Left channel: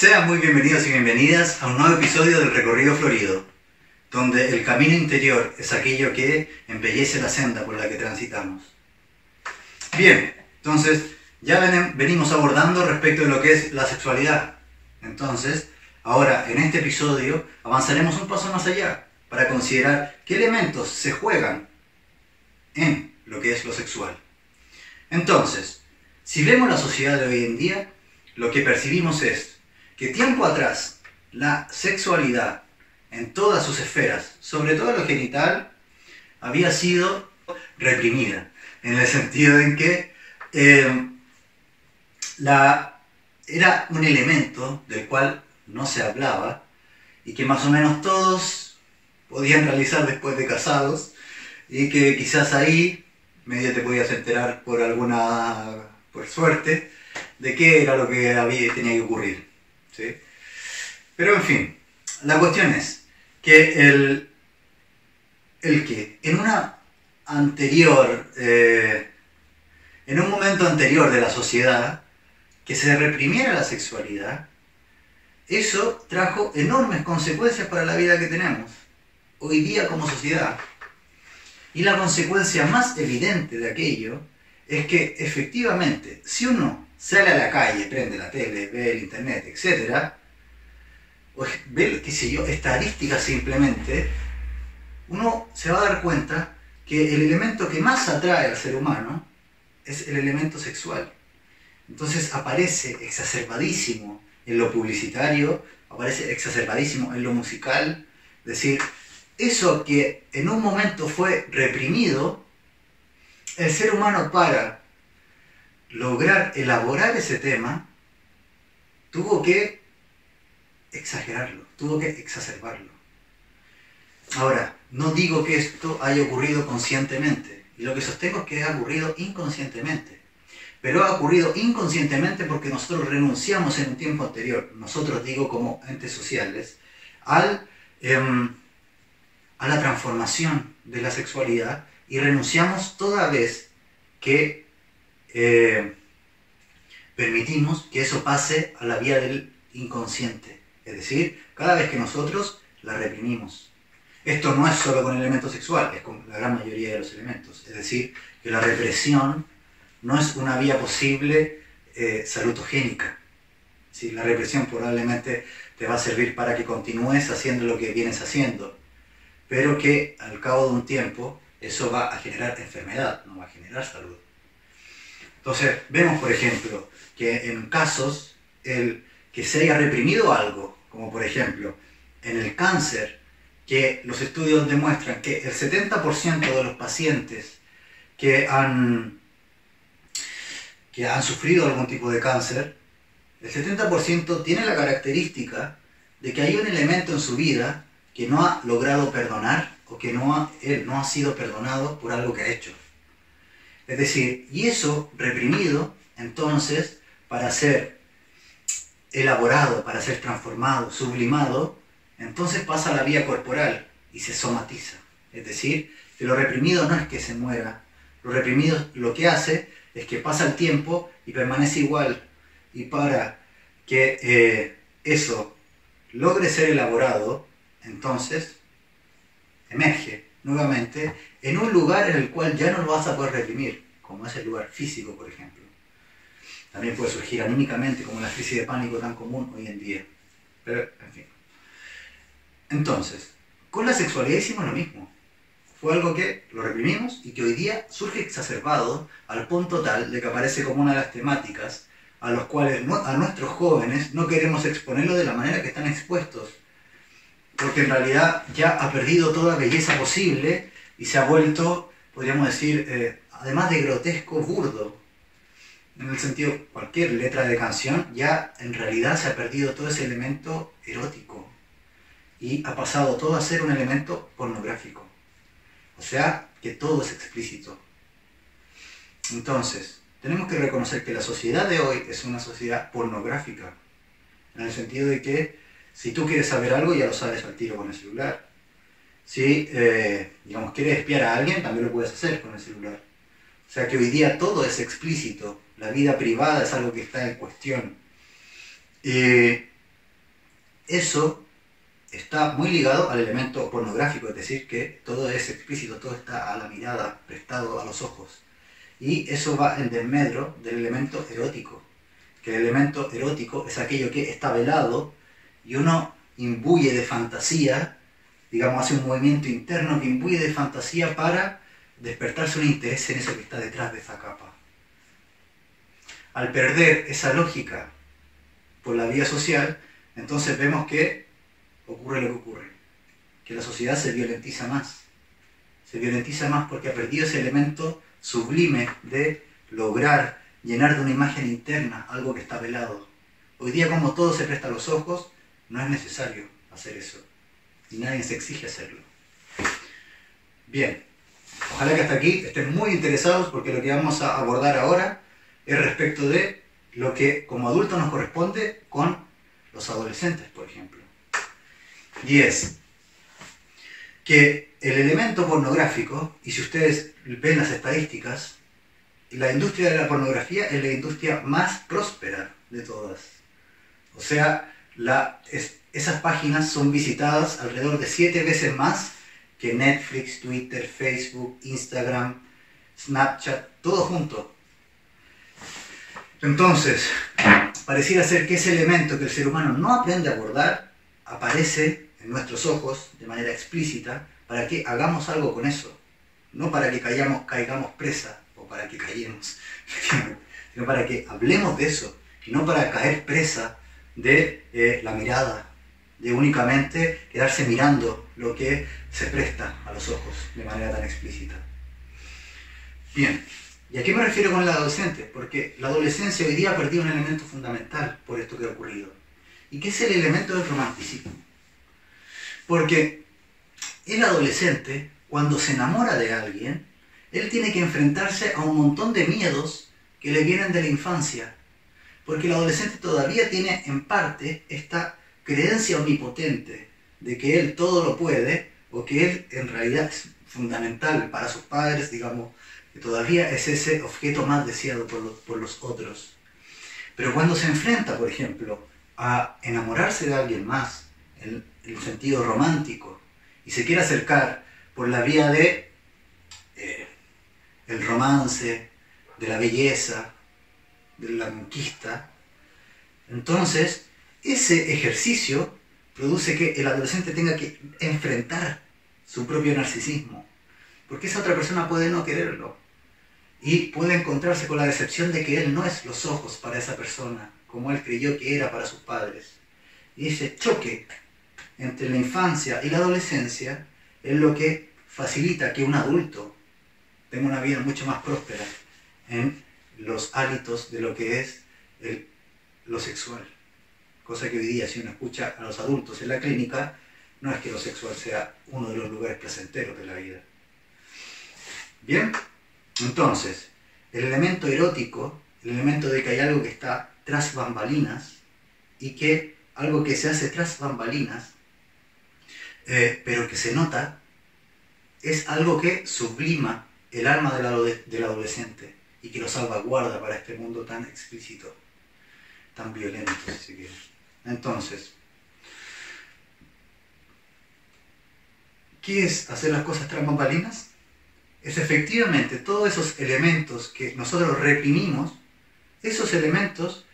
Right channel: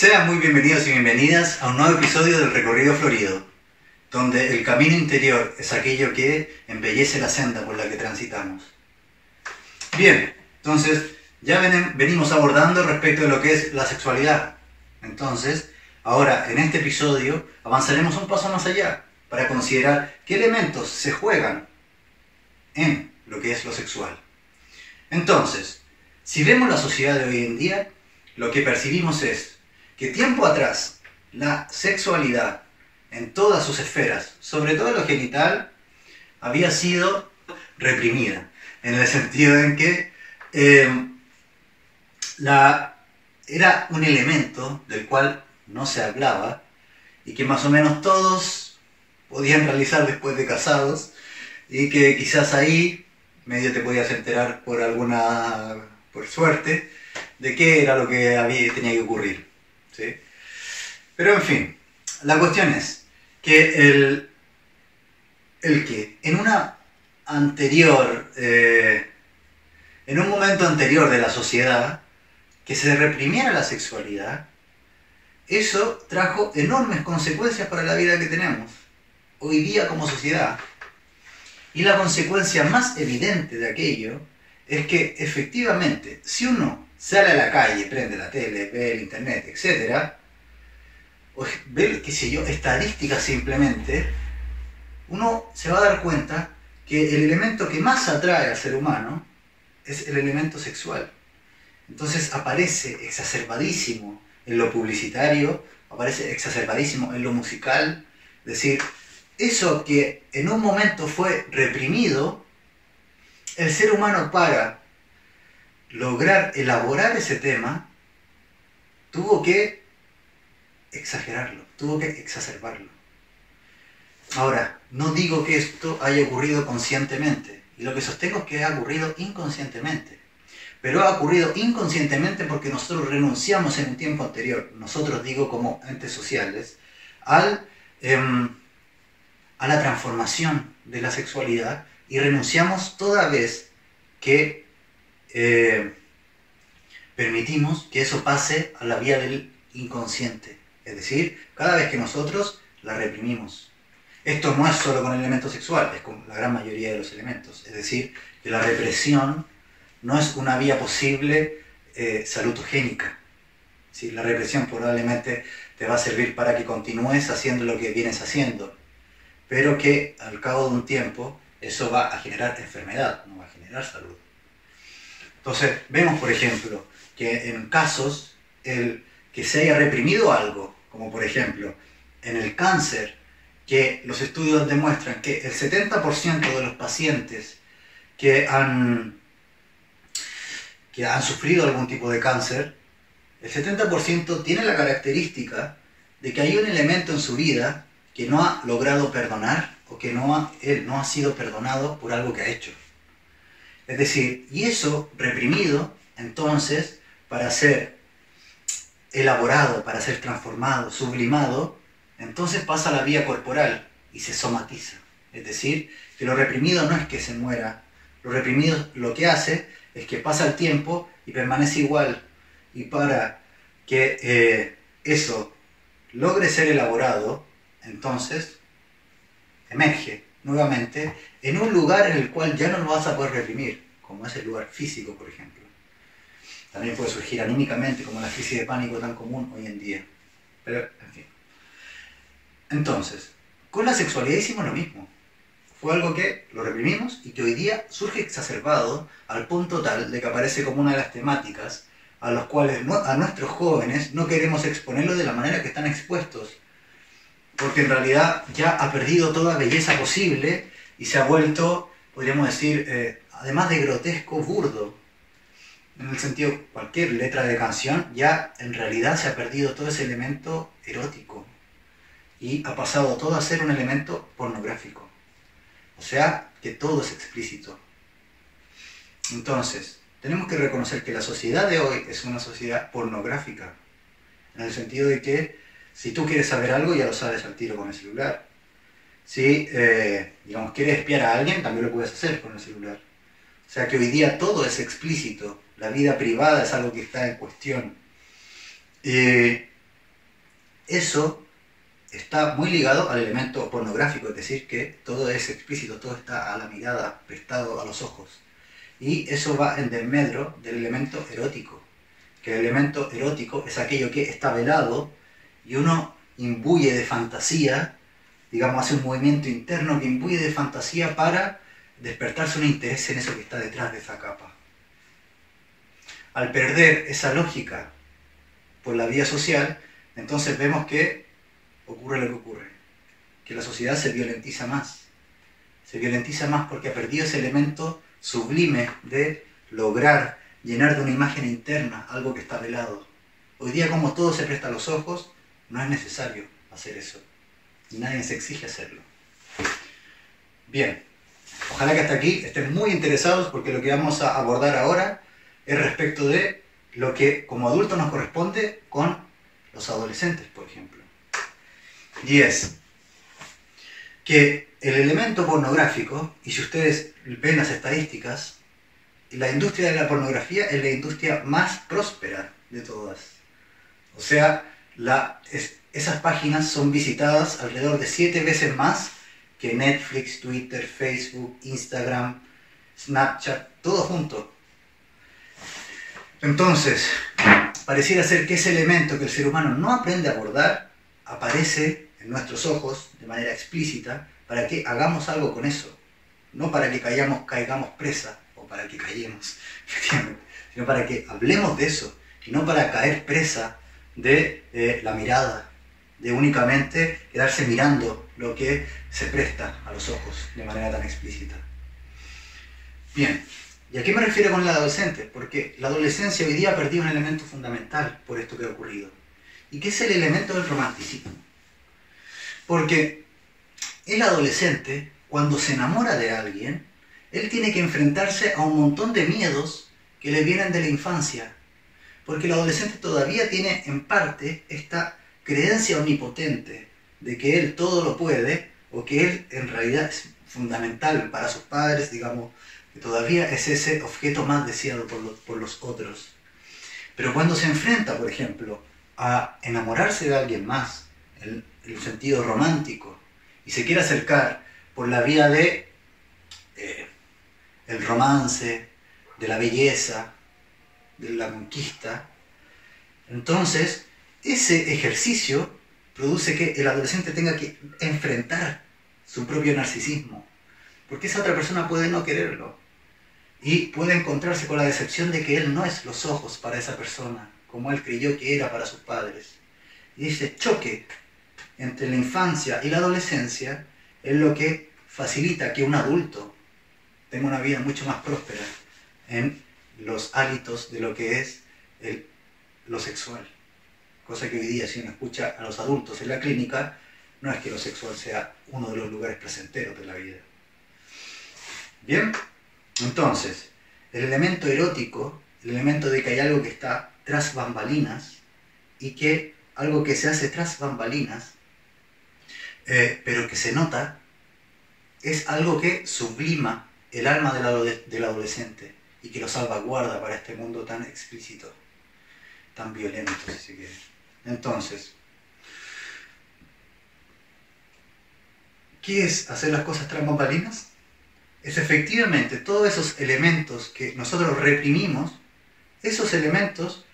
Sean muy bienvenidos y bienvenidas a un nuevo episodio del Recorrido Florido, donde el camino interior es aquello que embellece la senda por la que transitamos. Bien, entonces ya venimos abordando respecto de lo que es la sexualidad. Entonces, ahora en este episodio avanzaremos un paso más allá para considerar qué elementos se juegan en lo que es lo sexual. Entonces, si vemos la sociedad de hoy en día, lo que percibimos es que tiempo atrás la sexualidad en todas sus esferas, sobre todo lo genital, había sido reprimida, en el sentido en que era un elemento del cual no se hablaba y que más o menos todos podían realizar después de casados, y que quizás ahí medio te podías enterar por suerte de qué era lo que tenía que ocurrir, ¿sí? Pero en fin, la cuestión es que que en un momento anterior de la sociedad, que se reprimiera la sexualidad, eso trajo enormes consecuencias para la vida que tenemos hoy día como sociedad. Y la consecuencia más evidente de aquello es que efectivamente, si uno sale a la calle, prende la tele, ve el internet, etc., o ve, qué sé yo, estadísticas simplemente, uno se va a dar cuenta que el elemento que más atrae al ser humano es el elemento sexual. Entonces aparece exacerbadísimo en lo publicitario, aparece exacerbadísimo en lo musical, es decir, eso que en un momento fue reprimido, el ser humano, para lograr elaborar ese tema, tuvo que exagerarlo, tuvo que exacerbarlo. Ahora, no digo que esto haya ocurrido conscientemente, y lo que sostengo es que ha ocurrido inconscientemente. Pero ha ocurrido inconscientemente porque nosotros renunciamos en un tiempo anterior, nosotros digo como entes sociales, a la transformación de la sexualidad, y renunciamos toda vez que permitimos que eso pase a la vía del inconsciente. Es decir, cada vez que nosotros la reprimimos. Esto no es solo con el elemento sexual, es con la gran mayoría de los elementos. Es decir, que la represión no es una vía posible salutogénica. ¿Sí? La represión probablemente te va a servir para que continúes haciendo lo que vienes haciendo, pero que al cabo de un tiempo eso va a generar enfermedad, no va a generar salud. Entonces, vemos, por ejemplo, que en casos el que se haya reprimido algo, como por ejemplo en el cáncer, que los estudios demuestran que el 70% de los pacientes que han sufrido algún tipo de cáncer, el 70% tiene la característica de que hay un elemento en su vida que no ha logrado perdonar, o que él no ha sido perdonado por algo que ha hecho. Es decir, y eso reprimido, entonces, para ser elaborado, para ser transformado, sublimado, entonces pasa a la vía corporal y se somatiza. Es decir, que lo reprimido no es que se muera, lo reprimido lo que hace es que pasa el tiempo y permanece igual. Y para que eso logre ser elaborado, entonces emerge nuevamente en un lugar en el cual ya no lo vas a poder reprimir, como es el lugar físico, por ejemplo. También puede surgir anímicamente, como la crisis de pánico tan común hoy en día. Pero, en fin. Entonces, con la sexualidad hicimos lo mismo. Fue algo que lo reprimimos y que hoy día surge exacerbado al punto tal de que aparece como una de las temáticas a los cuales a nuestros jóvenes no queremos exponerlo de la manera que están expuestos, porque en realidad ya ha perdido toda belleza posible y se ha vuelto, podríamos decir, además de grotesco, burdo. En el sentido, cualquier letra de canción, ya en realidad se ha perdido todo ese elemento erótico y ha pasado todo a ser un elemento pornográfico. O sea, que todo es explícito. Entonces, tenemos que reconocer que la sociedad de hoy es una sociedad pornográfica, en el sentido de que si tú quieres saber algo, ya lo sabes al tiro con el celular. Si, digamos, quieres espiar a alguien, también lo puedes hacer con el celular. O sea que hoy día todo es explícito. La vida privada es algo que está en cuestión. eso está muy ligado al elemento pornográfico, es decir, que todo es explícito, todo está a la mirada, prestado a los ojos. Y eso va en desmedro del elemento erótico, que el elemento erótico es aquello que está velado y uno imbuye de fantasía, digamos, hace un movimiento interno que imbuye de fantasía para despertarse un interés en eso que está detrás de esa capa. Al perder esa lógica por la vía social, entonces vemos que ocurre lo que ocurre, que la sociedad se violentiza más porque ha perdido ese elemento sublime de lograr llenar de una imagen interna algo que está velado. Hoy día, como todo se presta a los ojos, no es necesario hacer eso, y nadie se exige hacerlo. Bien, ojalá que hasta aquí estén muy interesados, porque lo que vamos a abordar ahora es respecto de lo que como adultos nos corresponde con los adolescentes, por ejemplo. Y es que el elemento pornográfico, y si ustedes ven las estadísticas, la industria de la pornografía es la industria más próspera de todas. O sea, esas páginas son visitadas alrededor de 7 veces más que Netflix, Twitter, Facebook, Instagram, Snapchat, todo junto. Entonces, pareciera ser que ese elemento que el ser humano no aprende a abordar aparece en nuestros ojos de manera explícita para que hagamos algo con eso. No para que caigamos presa o para que callemos, sino para que hablemos de eso y no para caer presa de la mirada, de únicamente quedarse mirando lo que se presta a los ojos de manera tan explícita. Bien, ¿y a qué me refiero con el adolescente? Porque la adolescencia hoy día ha perdido un elemento fundamental por esto que ha ocurrido, y que es el elemento del romanticismo. Porque el adolescente, cuando se enamora de alguien, él tiene que enfrentarse a un montón de miedos que le vienen de la infancia, porque el adolescente todavía tiene en parte esta creencia omnipotente de que él todo lo puede, o que él en realidad es fundamental para sus padres, digamos, que todavía es ese objeto más deseado por los otros. Pero cuando se enfrenta, por ejemplo, a enamorarse de alguien más, en el sentido romántico, y se quiere acercar por la vía de el romance, de la belleza, de la conquista, entonces ese ejercicio produce que el adolescente tenga que enfrentar su propio narcisismo, porque esa otra persona puede no quererlo y puede encontrarse con la decepción de que él no es los ojos para esa persona como él creyó que era para sus padres. Y ese choque entre la infancia y la adolescencia es lo que facilita que un adulto tenga una vida mucho más próspera en los hábitos de lo que es lo sexual. Cosa que hoy día, si uno escucha a los adultos en la clínica, no es que lo sexual sea uno de los lugares placenteros de la vida. Bien, entonces, el elemento erótico, el elemento de que hay algo que está tras bambalinas, y que algo que se hace tras bambalinas, pero que se nota, es algo que sublima el alma del adolescente y que lo salvaguarda para este mundo tan explícito, tan violento, si se quiere. Entonces, ¿qué es hacer las cosas tras bambalinas? Es efectivamente todos esos elementos que nosotros reprimimos, esos elementos,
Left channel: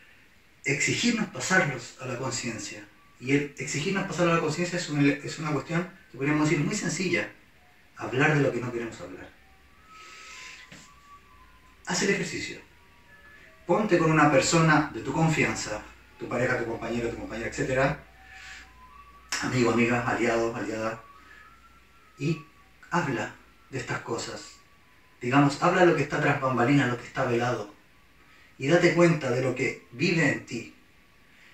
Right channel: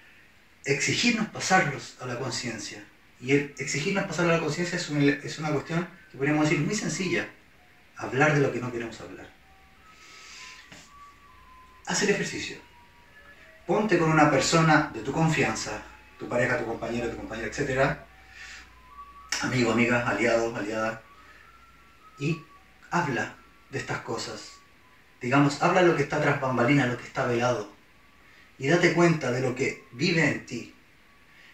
exigirnos pasarlos a la conciencia. Y el exigirnos pasarlos a la conciencia es una cuestión que podríamos decir muy sencilla: hablar de lo que no queremos hablar. Haz el ejercicio. Ponte con una persona de tu confianza, tu pareja, tu compañero, tu compañera, etc., amigo, amiga, aliado, aliada, y habla de estas cosas. Digamos, habla de lo que está tras bambalinas, lo que está velado, y date cuenta de lo que vive en ti.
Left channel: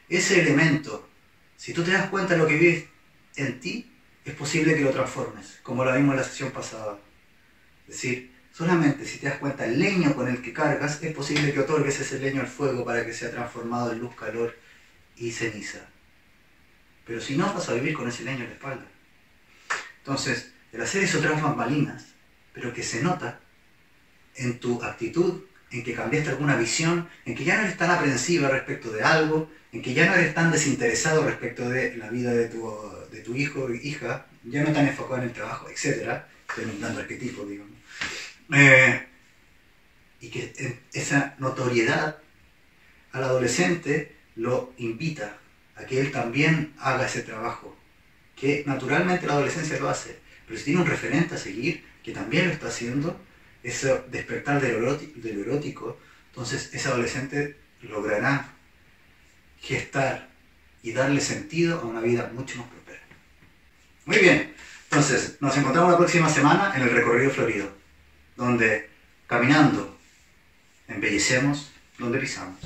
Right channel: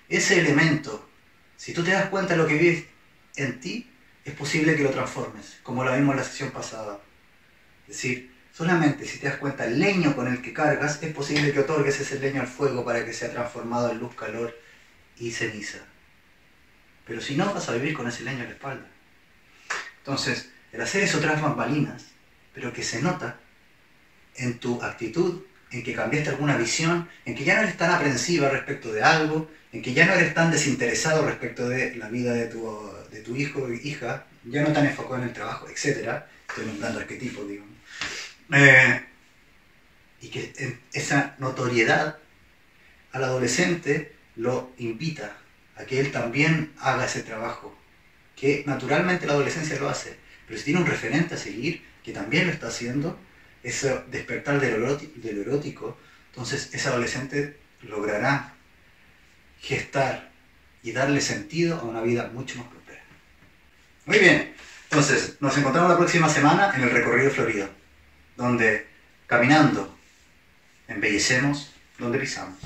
Ese elemento, si tú te das cuenta de lo que vive en ti, es posible que lo transformes, como lo vimos en la sesión pasada. Es decir, solamente si te das cuenta el leño con el que cargas, es posible que otorgues ese leño al fuego para que sea transformado en luz, calor y ceniza. Pero si no, vas a vivir con ese leño en la espalda. Entonces, el hacer eso tras bambalinas, pero que se nota en tu actitud, en que cambiaste alguna visión, en que ya no eres tan aprensiva respecto de algo, en que ya no eres tan desinteresado respecto de la vida de tu hijo o hija, ya no tan enfocado en el trabajo, etc. Estoy nombrando arquetipos, digamos. Y que esa notoriedad al adolescente lo invita a que él también haga ese trabajo, que naturalmente la adolescencia lo hace, pero si tiene un referente a seguir, que también lo está haciendo, ese despertar de lo erótico, entonces ese adolescente logrará gestar y darle sentido a una vida mucho más próspera. Muy bien, entonces nos encontramos la próxima semana en el recorrido florido, donde caminando embellecemos donde pisamos.